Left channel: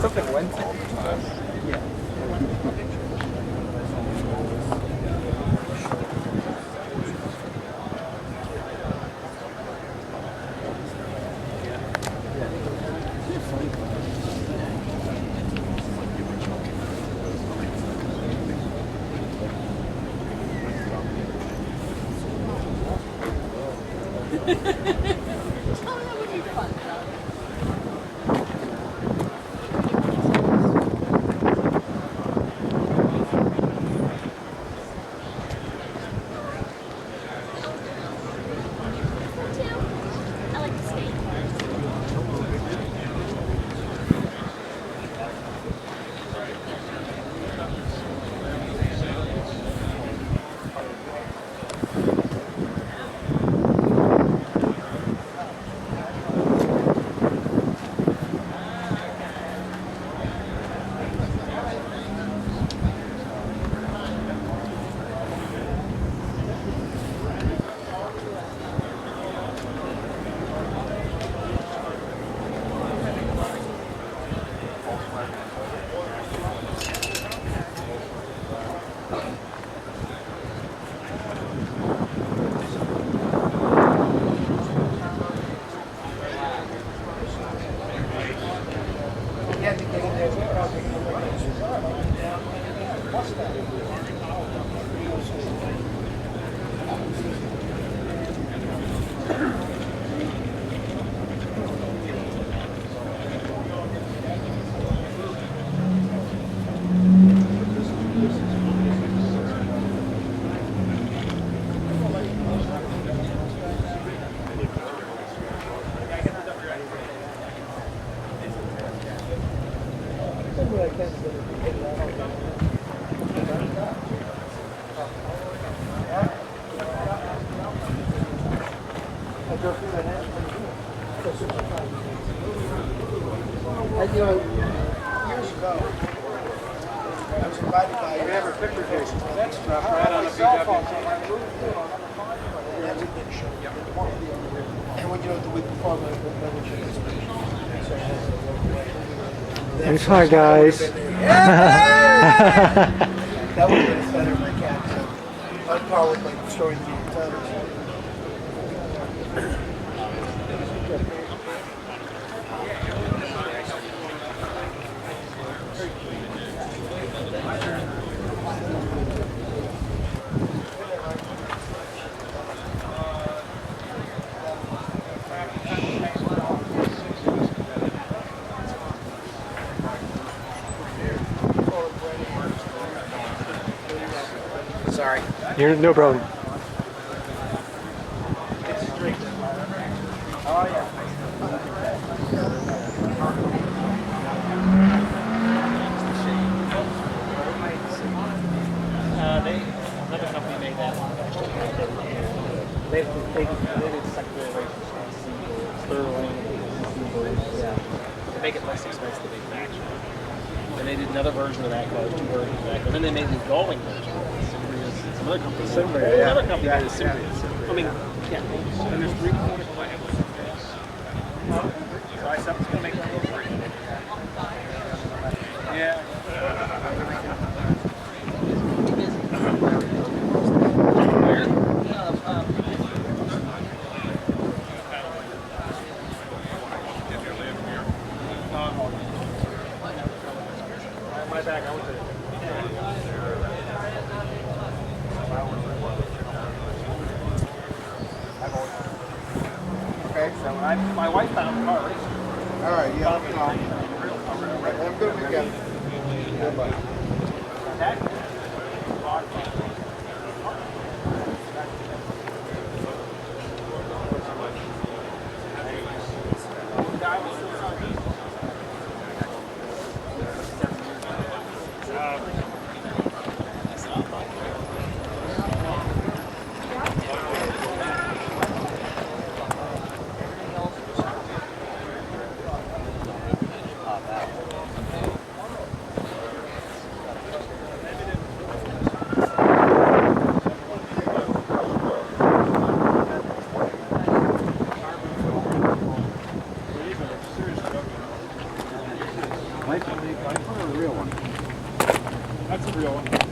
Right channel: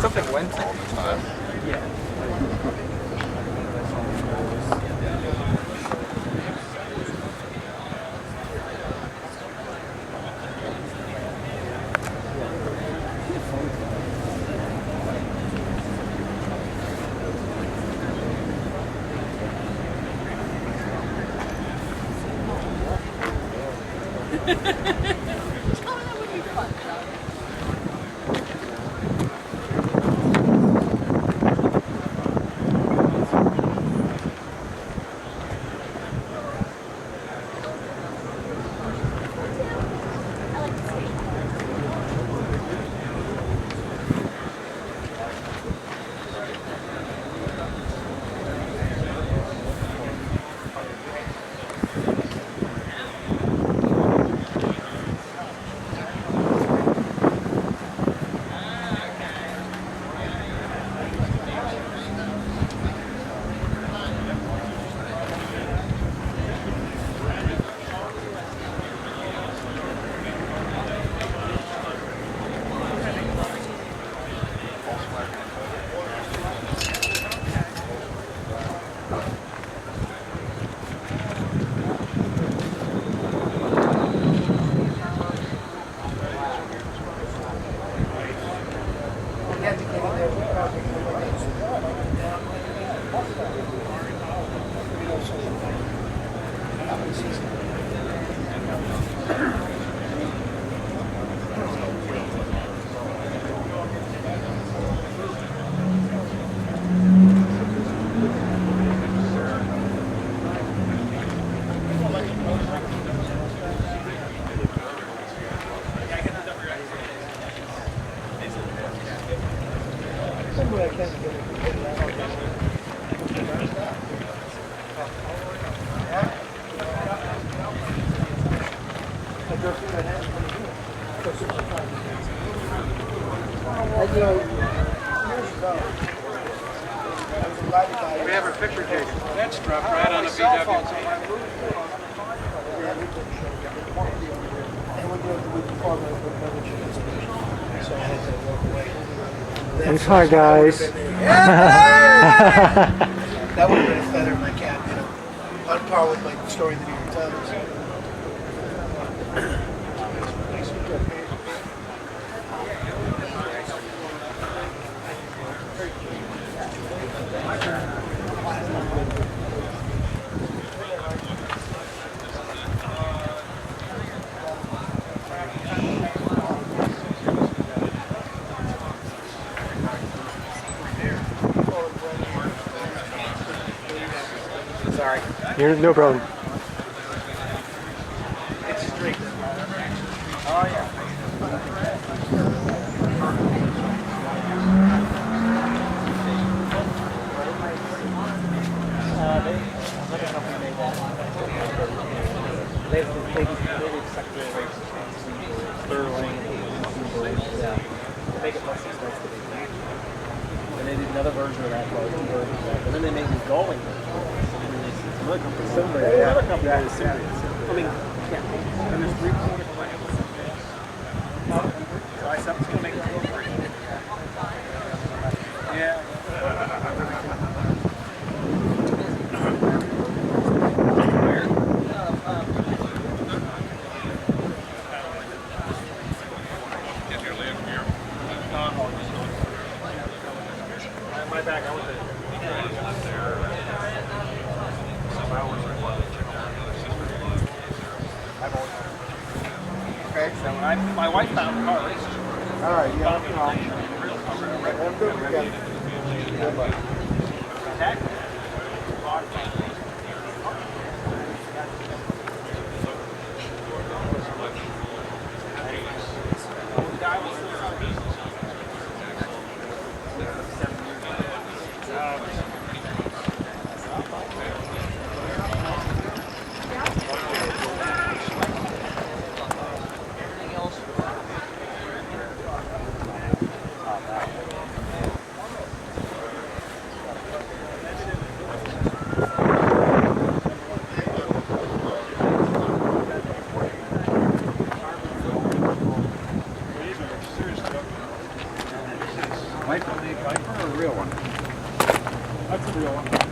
Something went. Yeah. We have our picture case. That's strapped right on the VW. And we do it the week before, but so I had to walk away. Thanks, hi guys. That would have been a feather in my cap. So on par with like the story of the New York Times. Sorry. You're, no problem. It's straight. Oh, yeah. Another company made that. They did secondary Sterling. Yeah. To make it less expensive to make match. And they did another version of that called two versions of that. And then they made this Going version. Some other company. Another company made a Cimbria. I mean, yeah. And there's 3/4 plans. So I said, it's going to make it free. Yeah. My bag, I went to okay, so when my wife found the car race. All right, yeah. Have a good weekend. Goodbye. real one. That's a real one.